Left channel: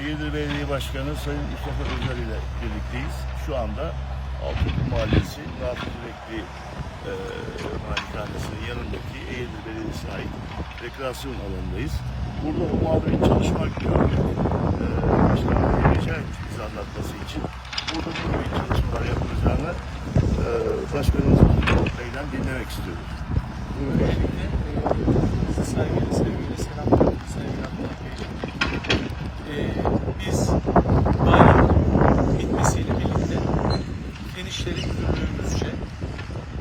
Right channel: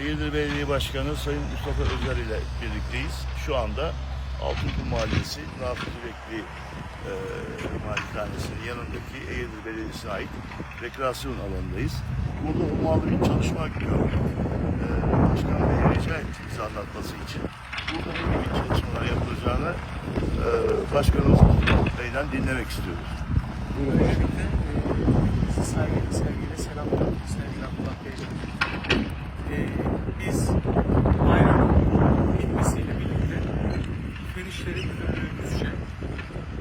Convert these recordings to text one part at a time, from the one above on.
Eğirdir Belediye Başkanı Sayın Mustafa Özer ile birlikteyiz. Şu anda Altınkum Mahallesi Nafici Bekli e, malikanesinin yanındaki Eğirdir Belediyesi'ne ait rekreasyon alanındayız. Burada ummalı bir çalışma gördük. E, Başkan Bey'e rica ettik bize anlatması için. Burada ne gibi çalışmalar yapılacağını e, Başkanımız Bey'den dinlemek istiyoruz. Buyurun Başkanım. Saygıyla, sevgiyle selamlar sevgili Abdullah Beyciğim. Ee, biz bayramın bitmesiyle birlikte Fen İşleri Müdürlüğümüzce,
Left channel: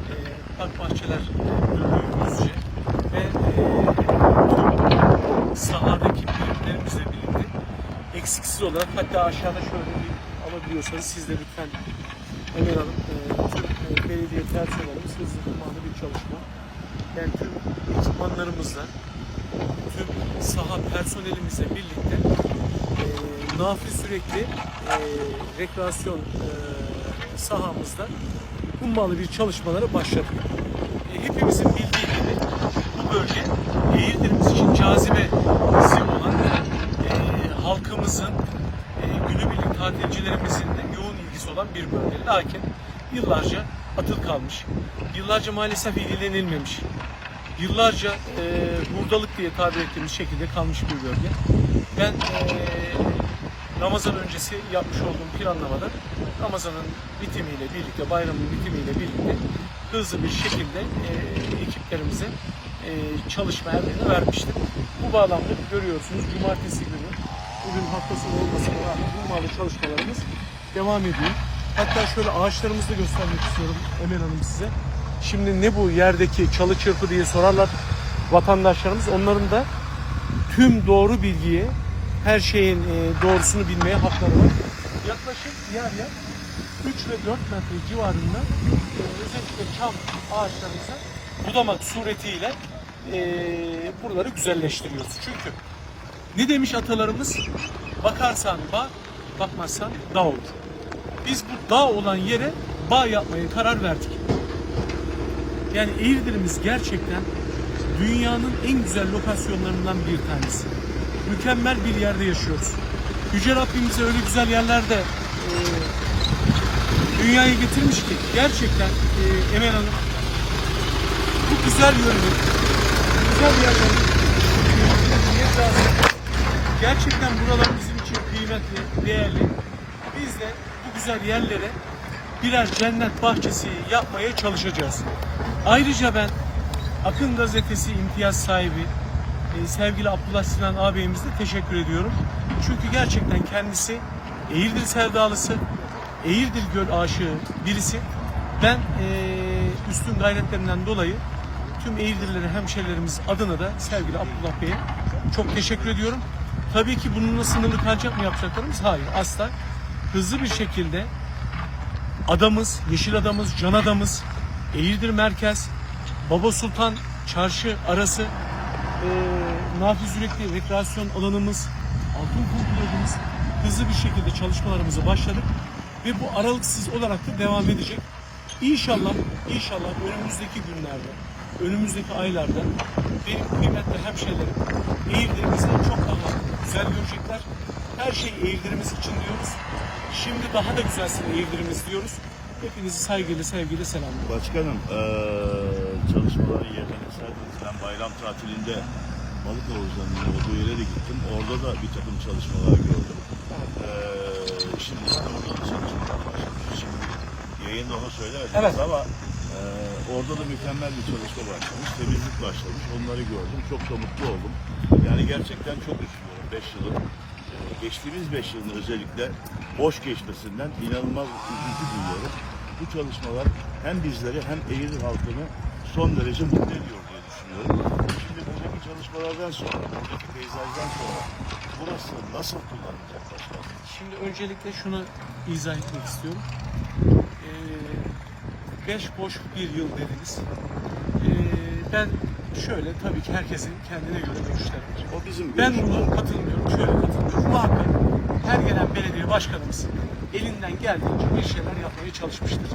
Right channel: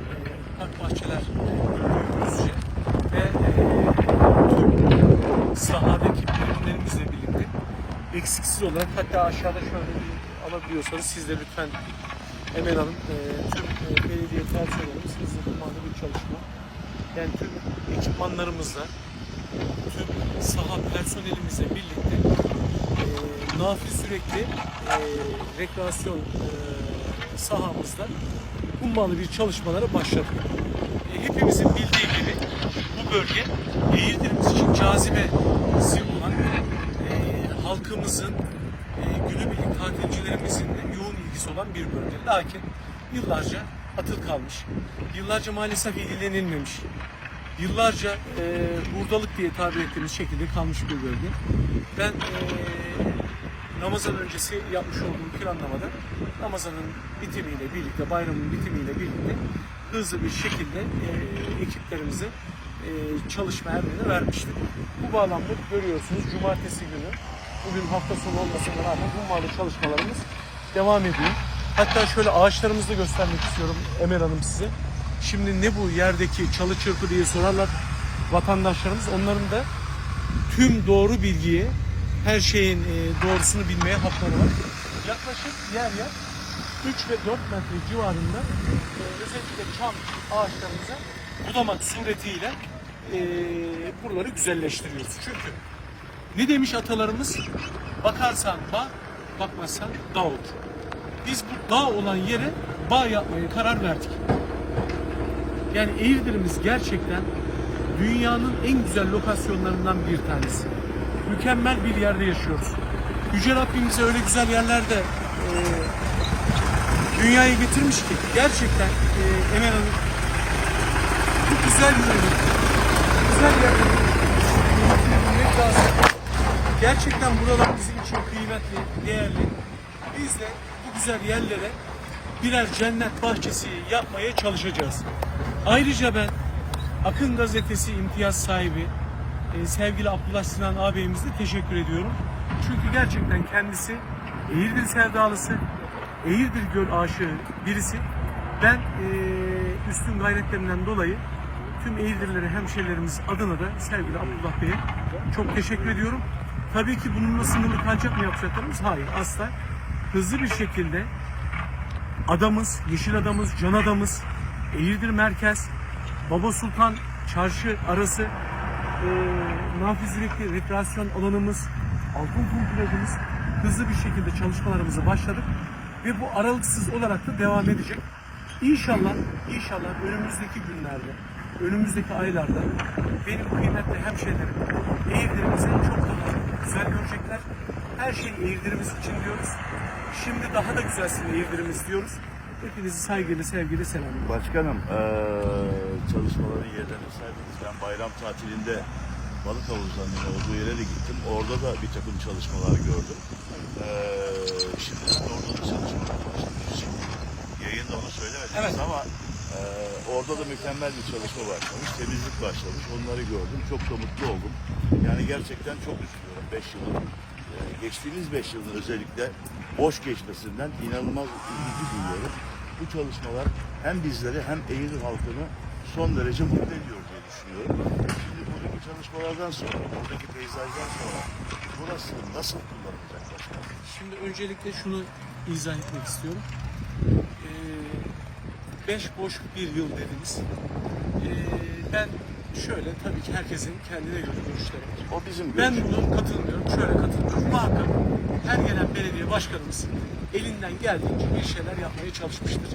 e, Park Bahçeler Müdürlüğümüzce ve e, tüm sahadaki birimlerimizle birlikte olarak hatta aşağıda şöyle bir alabiliyorsanız siz de lütfen Emel Hanım, e, tüm e, belediye personelimiz hızlı zamanda bir çalışma. Yani tüm ekipmanlarımızla, tüm saha personelimizle birlikte e, nafi sürekli e, rekreasyon e, sahamızda hummalı bir çalışmalara başladık. E, hepimizin bildiği gibi bu bölge Eğirdirimiz için cazibesi olan e, halkımızın e, günübirlik tatilcilerimizin de yoğun ilgisi olan bir bölge. Lakin yıllarca atıl kalmış, yıllarca maalesef ilgilenilmemiş, yıllarca e, hurdalık diye tabir ettiğimiz şekilde kalmış bir bölge. Ben e, Ramazan öncesi yapmış olduğum planlamada Ramazan'ın bitimiyle birlikte, bayramın bitimiyle birlikte hızlı bir şekilde e, ekiplerimize e, çalışma emrini vermiştim. Bu bağlamda görüyorsunuz cumartesi günü, bugün hafta sonu olmasına rağmen hummalı çalışmalarımız devam ediyor. Hatta şöyle ağaçlarımızı da göstermek istiyorum Emel Hanım size. Şimdi ne bu yerdeki çalı çırpı diye sorarlar vatandaşlarımız. Onların da tüm doğru bilgiyi, her şeyin e, doğrusunu bilmeye hakları var. Yaklaşık yer yer 3 ve 4 metre civarında e, özellikle çam ağaçlarımıza budamak suretiyle e, buraları güzelleştiriyoruz. Çünkü ne demiş atalarımız? Bakarsan bağ, bakmazsan dağ olur. Biz bu dağ olan yere bağ yapmaya karar verdik. Yani Eğirdir'imiz gerçekten dünyanın en güzel lokasyonlarından bir tanesi. Mükemmel bir yerde yaşıyoruz. Yüce Rabbim bize öyle güzel yerlerde e, dünyaya getirmiş ki gerçekten e, Emel Hanım bu güzel yönünü, güzel yerleri kıymetini bilmek lazım. Gerçekten buralar bizim için kıymetli, değerli. Biz de bu güzel yerlere birer cennet bahçesi yapmaya çalışacağız. Ayrıca ben Akın Gazetesi imtiyaz sahibi e, sevgili Abdullah Sinan ağabeyimize teşekkür ediyorum. Çünkü gerçekten kendisi Eğirdir sevdalısı, Eğirdir göl aşığı birisi. Ben e, üstün gayretlerinden dolayı tüm Eğirdirleri hemşerilerimiz adına da sevgili Abdullah Bey'e çok teşekkür ediyorum. Tabii ki bununla sınırlı kalacak mı yapacaklarımız? Hayır asla. Hızlı bir şekilde adamız, yeşil adamız, can adamız, Eğirdir Merkez, Baba Sultan Çarşı arası, e, Nafiz Yürekli rekreasyon alanımız, Altın Kum plajımız hızlı bir şekilde çalışmalarımıza başladık ve bu aralıksız olarak da devam edecek. İnşallah, inşallah önümüzdeki günlerde, önümüzdeki aylarda benim kıymetli hemşehrilerim Eğirdirimizi çok daha güzel görecekler. Her şey Eğirdirimiz için diyoruz. Şimdi daha da güzelsin Eğirdirimiz diyoruz. Hepinizi saygıyla, sevgiyle selamlıyorum. Başkanım, eee çalışmaların yerlerini saydınız. Ben bayram tatilinde balık havuzlarının olduğu yere de gittim. Orada da bir takım çalışmalar gördüm. Eee şimdi işte orada da çalışmalar başlamış. Şimdi yayında onu söylemediniz Evet. ama orada da mükemmel bir çalışma başlamış. Temizlik başlamış. Onları gördüm. Çok da mutlu oldum. Yani gerçekten çok üzülüyorum 5 yılın. eee, geçtiğimiz 5 yılın özellikle boş geçmesinden inanılmaz üzüntü duyuyorum. Bu çalışmalar hem bizleri hem Eğirdir halkını son derece mutlu ediyor diye düşünüyorum. Şimdi buradaki çalışmalardan sonra, buradaki peyzajdan sonra burası nasıl kullanılacak başkanım? Şimdi öncelikle şunu izah etmek istiyorum. Ee, beş boş bir yıl dediniz. Ee, ben şöyle tabii ki herkesin kendine göre görüşleri var. O bizim Ben bunu katılmıyorum, şöyle katılmıyorum. Muhakkak her gelen belediye başkanımız elinden geldiğince bir şeyler yapmaya çalışmıştır.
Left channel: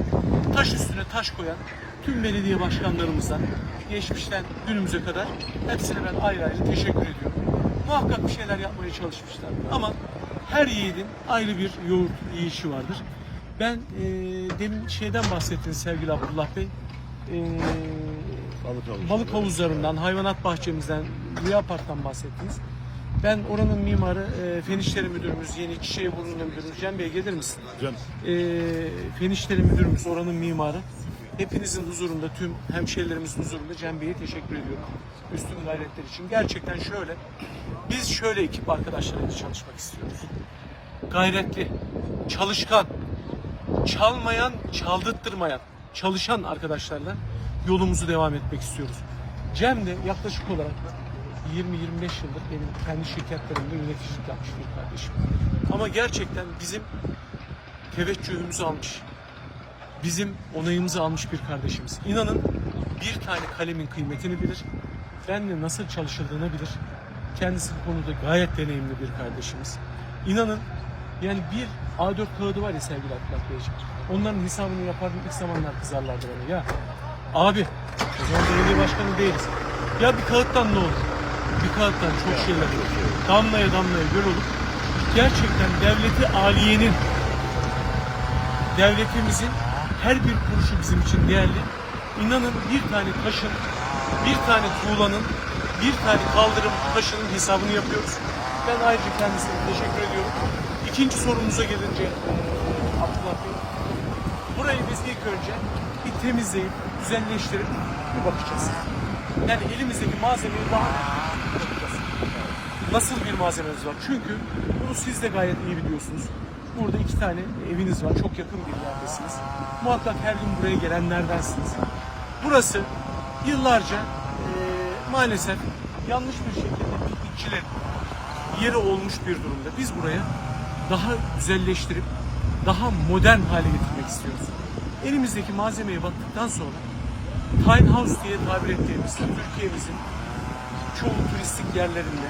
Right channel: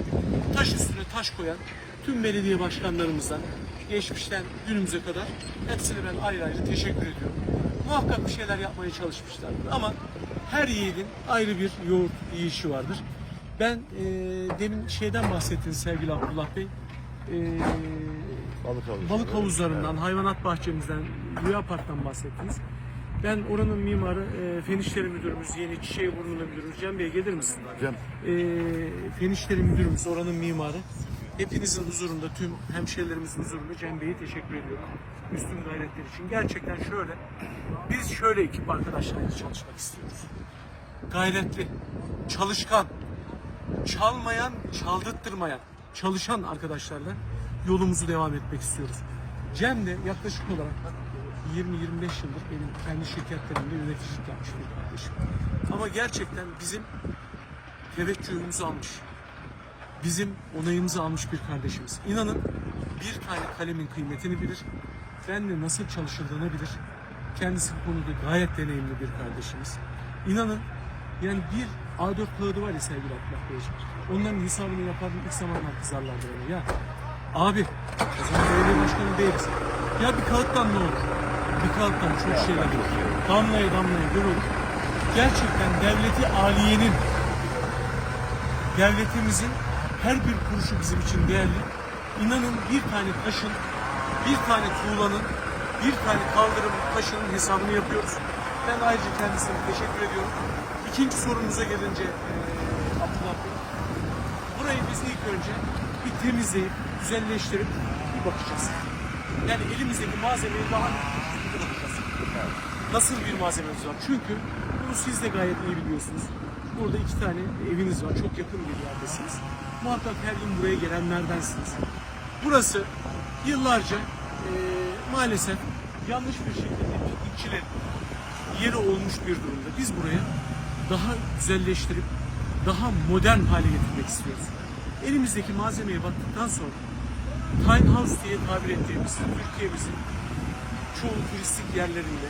Taş üstüne taş koyan tüm belediye başkanlarımızdan geçmişten günümüze kadar hepsine ben ayrı ayrı teşekkür ediyorum. Muhakkak bir şeyler yapmaya çalışmışlardır ama Her yiğidin ayrı bir yoğurt yiyişi vardır. Ben e, demin şeyden bahsettiniz sevgili Abdullah Bey. E, Balık havuzları. balık havuzlarından, hayvanat bahçemizden, Rüya Park'tan bahsettiniz. Ben oranın mimarı, e, Fen İşleri Müdürümüz, yeni Çiçeğiburnu'nun müdürü Cem Bey gelir misin? Cem, e, Fen İşleri Müdürümüz, oranın mimarı. Hepinizin huzurunda, tüm hemşehrilerimizin huzurunda Cem Bey'e teşekkür ediyorum. Üstün gayretler için. Gerçekten şöyle, biz şöyle ekip arkadaşlarıyla çalışmak istiyoruz. Gayretli, çalışkan, çalmayan, çaldırtmayan, çalışan arkadaşlarla yolumuzu devam etmek istiyoruz. Cem de yaklaşık olarak 20-25 yıldır benim kendi şirketlerimde yöneticilik yapmış bir kardeşim. Ama gerçekten bizim teveccühümüzü almış. Bizim onayımızı almış bir kardeşimiz. İnanın bir tane kalemin kıymetini bilir. Benle nasıl çalışıldığını bilir. Kendisi bu konuda gayet deneyimli bir kardeşimiz. İnanın yani bir A4 kağıdı var ya sevgili Abdullah Beyciğim. Onların hesabını yapardım ilk zamanlar kızarlardı bana. Ya abi o zaman belediye başkanı değiliz. Ya bir kağıttan ne olur? Bir kağıttan çok şeyler olur. Damlaya damlaya göl olur. Gerçekten devleti aliyenin devletimizin her bir kuruşu bizim için değerli. İnanın bir tane taşın, bir tane tuğlanın, bir tane kaldırım taşının hesabını yapıyoruz. Ben ayrıca kendisine teşekkür ediyorum. İkinci sorumuza gelince eee, Abdullah Bey, burayı biz ilk önce bir temizleyip, düzenleştirip bir bakacağız. Yani elimizdeki malzemeyi daha bir bakacağız nasıl bir malzemeniz var? Çünkü bunu siz de gayet iyi biliyorsunuz. Burada iki tane eviniz var. Çok yakın bir yerdesiniz. Muhakkak her gün buraya gelenlerdensiniz. Burası yıllarca eee, maalesef yanlış bir şekilde tetikçilerin yeri olmuş bir durumda. Biz buraya daha güzelleştirip daha modern hale getirmek istiyoruz. Elimizdeki malzemeye baktıktan sonra Tiny House diye tabir ettiğimiz Türkiye'mizin çoğu turistik yerlerinde,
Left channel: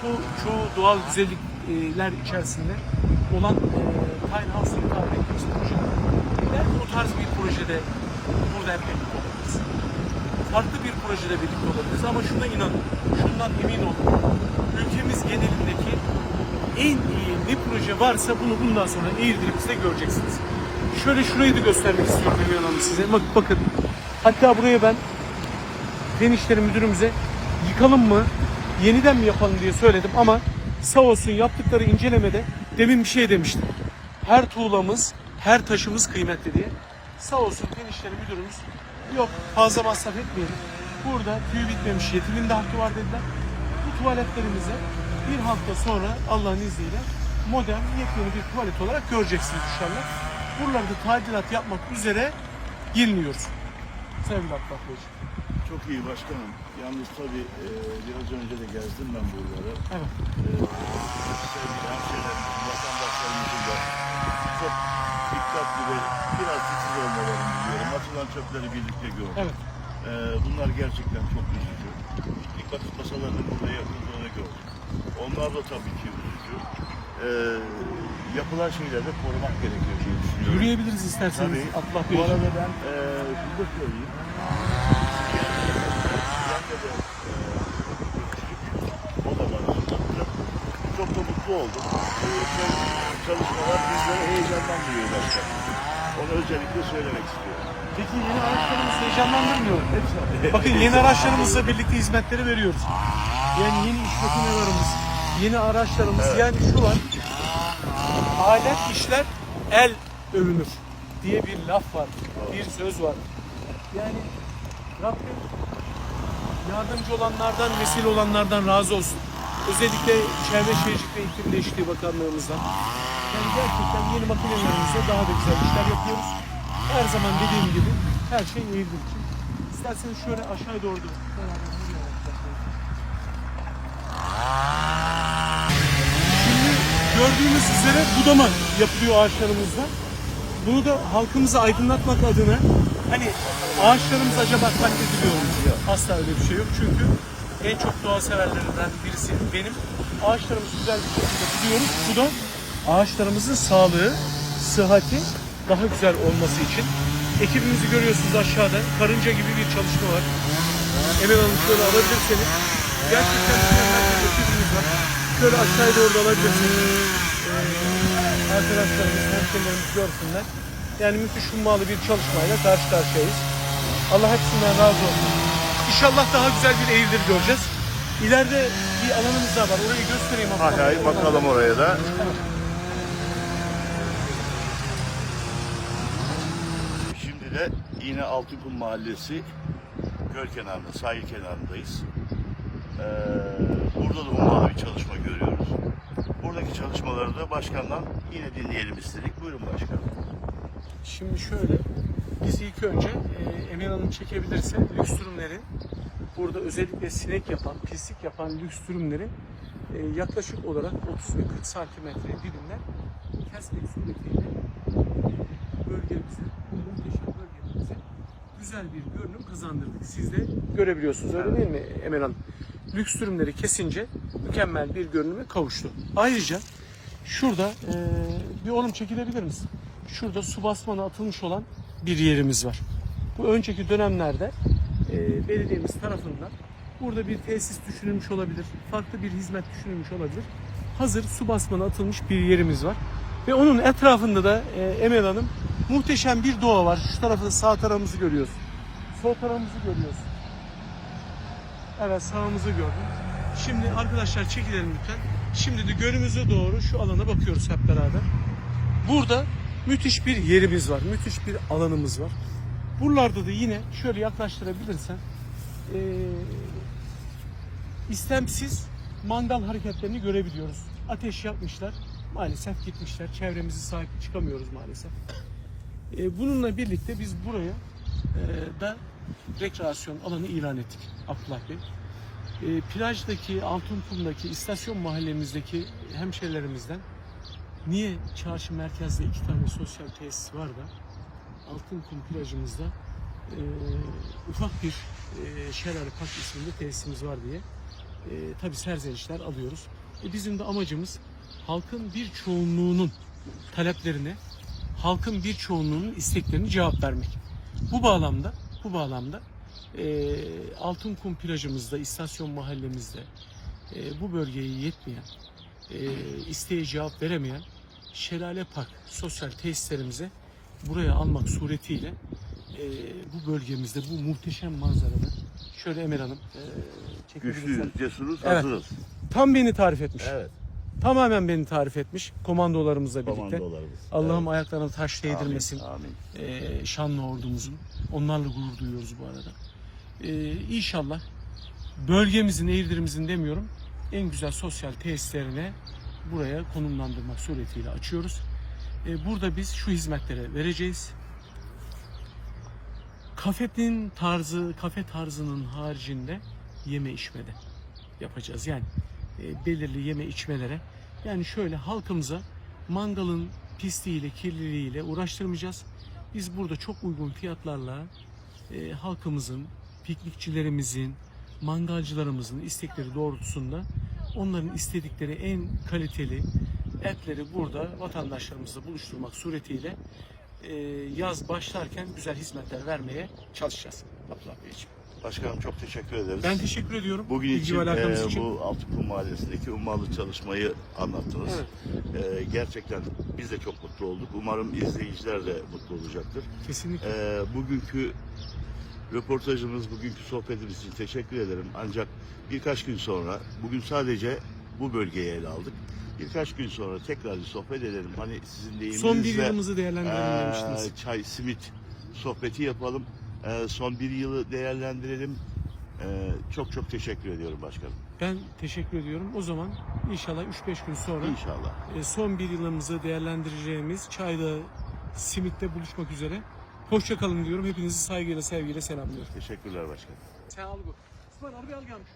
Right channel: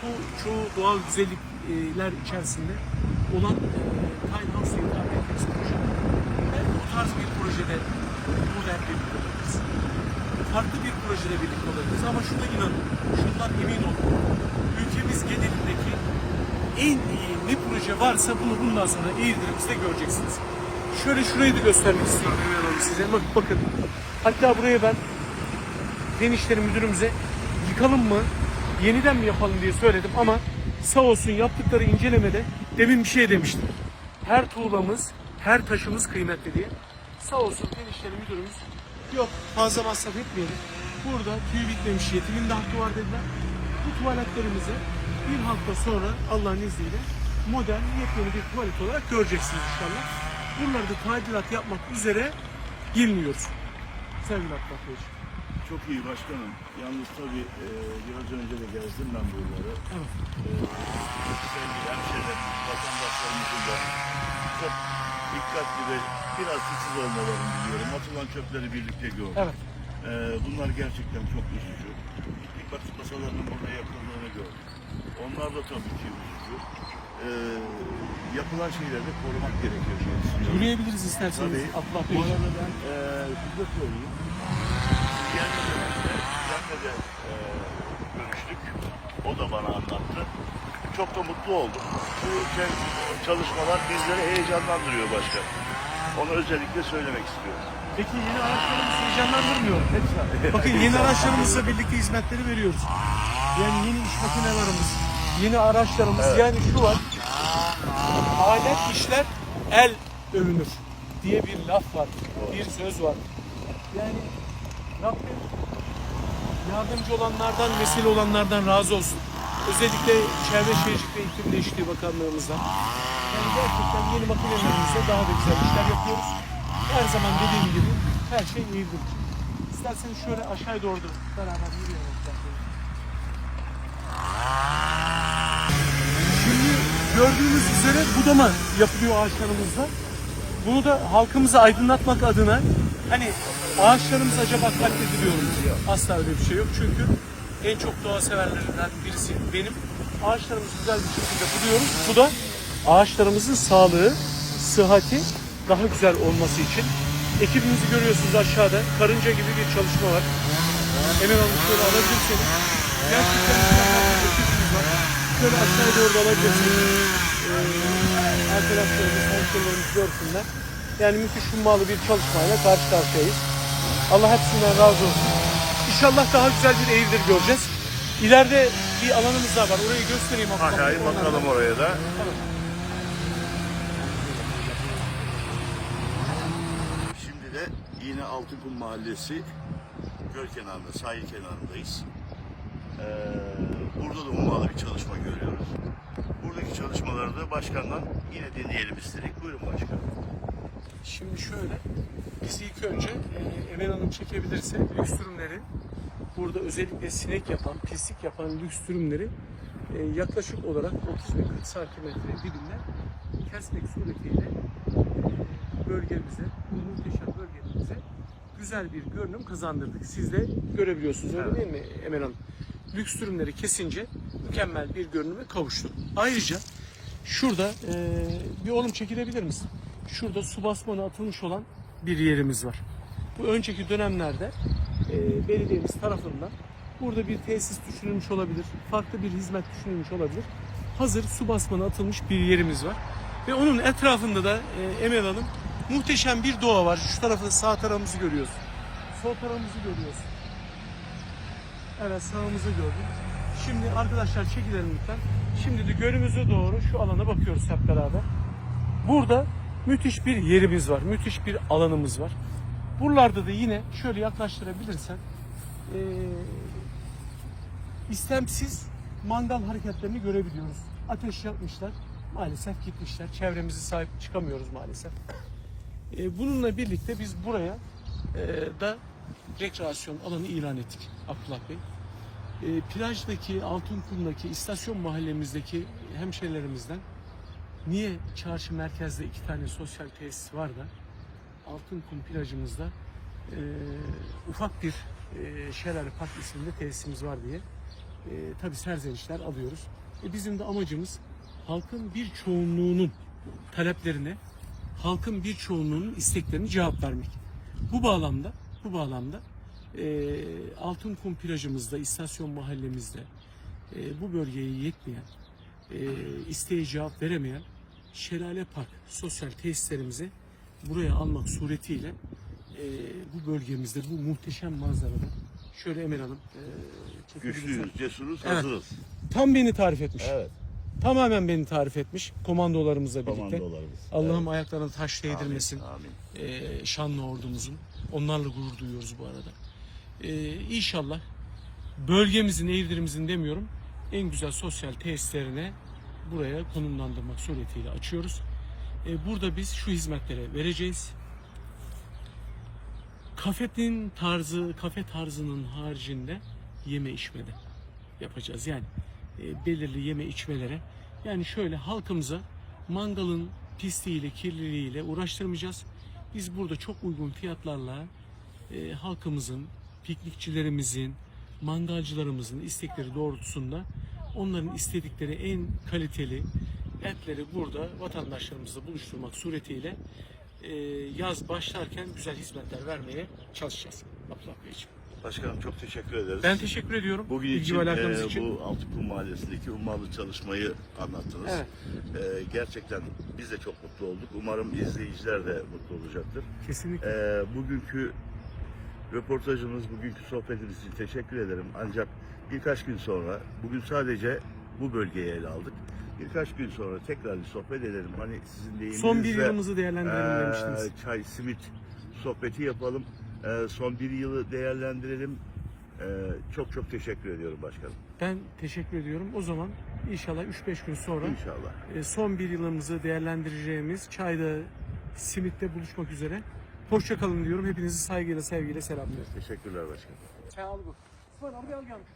çoğu, çoğu doğal güzellikler içerisinde olan e, Tiny House diye tabir ettiğimiz projeler. Belki o tarz bir projede burada hep birlikte olabiliriz. Farklı bir projede birlikte olabiliriz ama şuna inanın, şundan emin olun. Ülkemiz genelindeki en iyi ne proje varsa bunu bundan sonra Eğirdir'imizde göreceksiniz. Şöyle şurayı da göstermek istiyorum Emine Hanım size. Bak, bakın. Hatta buraya ben Fen İşleri Müdürümüze yıkalım mı, yeniden mi yapalım diye söyledim ama sağ olsun yaptıkları incelemede demin bir şey demiştim. Her tuğlamız, her taşımız kıymetli diye. Sağ olsun Fen İşleri Müdürümüz yok fazla masraf etmiyoruz. Burada tüy bitmemiş yetimin de hakkı var dediler. Bu tuvaletlerimize bir hafta sonra Allah'ın izniyle modern yepyeni bir tuvalet olarak göreceksiniz inşallah. Buralarda tadilat yapmak üzere girmiyoruz. Sevgili Beyciğim. çok iyi başkanım. Yalnız tabii e, biraz önce de gezdim ben buraları. Evet. E, sevgili hemşehrilerimizin, vatandaşlarımızın da çok dikkatli ve biraz titiz olmalarını diliyorum. Atılan çöpleri birlikte gördük. Evet. E, bunlar gerçekten çok üzücü. Dikkat masalarının burada yakıldığını gördük. Onlar da tabii ki üzücü. E, yapılan şeyleri de korumak gerekiyor diye düşünüyorum. Yürüyebiliriz isterseniz Tabii. Abdullah Bu Beyciğim. arada ben e, şunu da söyleyeyim. Biz gelmeden önce Cem'le de e, görüştük. O da bana anlattı. Çok da mutlu oldum. Bu şey, çalışmalar bizleri heyecanlandırıyor başkan. Onu özellikle söylemek istiyorum. Peki yeni araçlarımız heyecanlandırmıyor. Hepsi Bakın yeni araçlarımızla birlikte hizmetleri veriyoruz. Yani yeni iş makinelerimiz, yeni araçlarımız yani şu var. Alet işler el övünür diye bir laf var, bir söz var. Yani Rabbim yardımcı olanlardan, vesile olanlardan razı olsun. Özellikle Çevre Şehircilik ve İklim Değişikliği Bakanlığımızdan. Yani gerçekten yeni makinelerimizle daha da güzel işler yapıyoruz. Her zaman dediğim gibi her şey iyidir. İsterseniz şöyle aşağıya doğru beraber yürüyelim. Şimdi gördüğünüz üzere budama yapılıyor ağaçlarımızda. Bunu da halkımızı aydınlatmak adına hani ağaçlarımız acaba katlediliyor mu? Asla öyle bir şey yok. Çünkü en çok doğa severlerinden birisi benim. Ağaçlarımızı güzel bir şekilde buduyoruz. Bu da ağaçlarımızın sağlığı, sıhhati daha güzel olması için. Ekibimizi görüyorsunuz aşağıda. Karınca gibi bir çalışma var. Hemen şöyle alabilirseniz. Gerçekten şöyle aşağıya doğru alabilirsiniz. Ee, Arkadaşlar kesinlikle görsünler. Yani müthiş hummalı bir çalışmayla karşı karşıyayız. Allah hepsinden razı olsun. İnşallah daha güzel bir Eylül göreceğiz. İleride bir alanımız daha var. Orayı göstereyim. Hayır Oradan da- bakalım oraya da. Tamam. Şimdi de yine Altınkum Mahallesi göl kenarında, sahil kenarındayız. Ee, burada da ummalı bir çalışma görüyoruz. Buradaki çalışmaları da başkandan yine dinleyelim istedik. Buyurun başkanım. Şimdi şöyle, biz ilk önce e, Emel Hanım çekebilirse lüks ürünlerin burada özellikle sinek yapan, pislik yapan lüks e, yaklaşık olarak 30 ve 40 santimetre dilimler kesmek suretiyle bölgemize, bu muhteşem bölgemize güzel bir görünüm kazandırdık. Siz de görebiliyorsunuz öyle Evet. değil mi Emel Hanım? Lüks ürünleri kesince mükemmel bir görünüme kavuştu. Ayrıca şurada e, bir oğlum çekilebilir misin? Şurada su basmanı atılmış olan bir yerimiz var. Bu önceki dönemlerde e, belediyemiz tarafından burada bir tesis düşünülmüş olabilir, farklı bir hizmet düşünülmüş olabilir. Hazır su basmanı atılmış bir yerimiz var. Ve onun etrafında da e, Emel Hanım muhteşem bir doğa var. Şu tarafı sağ tarafımızı görüyoruz. Sol tarafımızı görüyoruz. Evet sağımızı gördüm. Şimdi arkadaşlar çekilelim lütfen. Şimdi de gölümüze doğru şu alana bakıyoruz hep beraber. Burada müthiş bir yerimiz var. Müthiş bir alanımız var. Buralarda da yine şöyle yaklaştırabilirsen eee istemsiz mangal hareketlerini görebiliyoruz. Ateş yapmışlar. Maalesef gitmişler. Çevremizi sahip çıkamıyoruz maalesef. E, bununla birlikte biz buraya e, da rekreasyon alanı ilan ettik Abdullah Bey. E, plajdaki, Altınkum'daki, istasyon mahallemizdeki hemşerilerimizden niye çarşı merkezde iki tane sosyal tesis var da Altınkum plajımızda e, ufak bir e, Şelale Park isminde tesisimiz var diye e, tabi serzenişler alıyoruz. E, bizim de amacımız halkın bir çoğunluğunun taleplerine, halkın bir çoğunluğunun isteklerine cevap vermek. Bu bağlamda, bu bağlamda e, Altınkum plajımızda, istasyon mahallemizde e, bu bölgeye yetmeyen, e, isteğe cevap veremeyen Şelale Park sosyal tesislerimizi buraya almak suretiyle e, bu bölgemizde bu muhteşem manzarada şöyle Emel Hanım e. Güçlüyüz, cesuruz, Evet. hazırız. Tam beni tarif etmiş. Evet. Tamamen beni tarif etmiş komandolarımızla birlikte. Komandolarımız. Allah'ım Evet. ayaklarına taş değdirmesin. Amin. Ee, şanlı ordumuzun. Onlarla gurur duyuyoruz bu arada. Ee, inşallah bölgemizin, Eğirdir'imizin demiyorum en güzel sosyal tesislerine buraya konumlandırmak suretiyle açıyoruz. Ee, burada biz şu hizmetlere vereceğiz. Kafetin tarzı, kafe tarzının haricinde yeme içmede yapacağız. Yani e, belirli yeme içmelere. Yani şöyle halkımıza mangalın pisliğiyle, kirliliğiyle uğraştırmayacağız. Biz burada çok uygun fiyatlarla e, halkımızın, piknikçilerimizin, mangalcılarımızın istekleri doğrultusunda onların istedikleri en kaliteli etleri burada vatandaşlarımızla buluşturmak suretiyle e, yaz başlarken güzel hizmetler vermeye çalışacağız. Abdullah Beyciğim. Başkanım çok teşekkür ederiz. Ben teşekkür ediyorum. Bugün İlgi için ve alakanız e, için. bu Altınkum Mahallesi'ndeki ummalı çalışmayı anlattınız. Evet. E, gerçekten biz de çok mutlu olduk. Umarım izleyiciler de mutlu olacaktır. Kesinlikle. E, bugünkü röportajımız, bugünkü sohbetimiz için teşekkür ederim. Ancak birkaç gün sonra, bugün sadece bu bölgeyi ele aldık. Birkaç gün sonra tekrar bir sohbet edelim. Hani sizin deyiminizle... Son bir yılımızı değerlendirelim Ee, demiştiniz. Çay, simit sohbeti yapalım. Ee, son bir yılı değerlendirelim. Ee, çok çok teşekkür ediyorum başkanım. Ben teşekkür ediyorum. O zaman inşallah 3-5 gün sonra İnşallah. e, son bir yılımızı değerlendireceğimiz çayda, simitte buluşmak üzere. Hoşça kalın diyorum. Hepinizi saygıyla, sevgiyle selamlıyorum. Teşekkürler başkanım. Sen al bu. İsmail abi al gelmiş.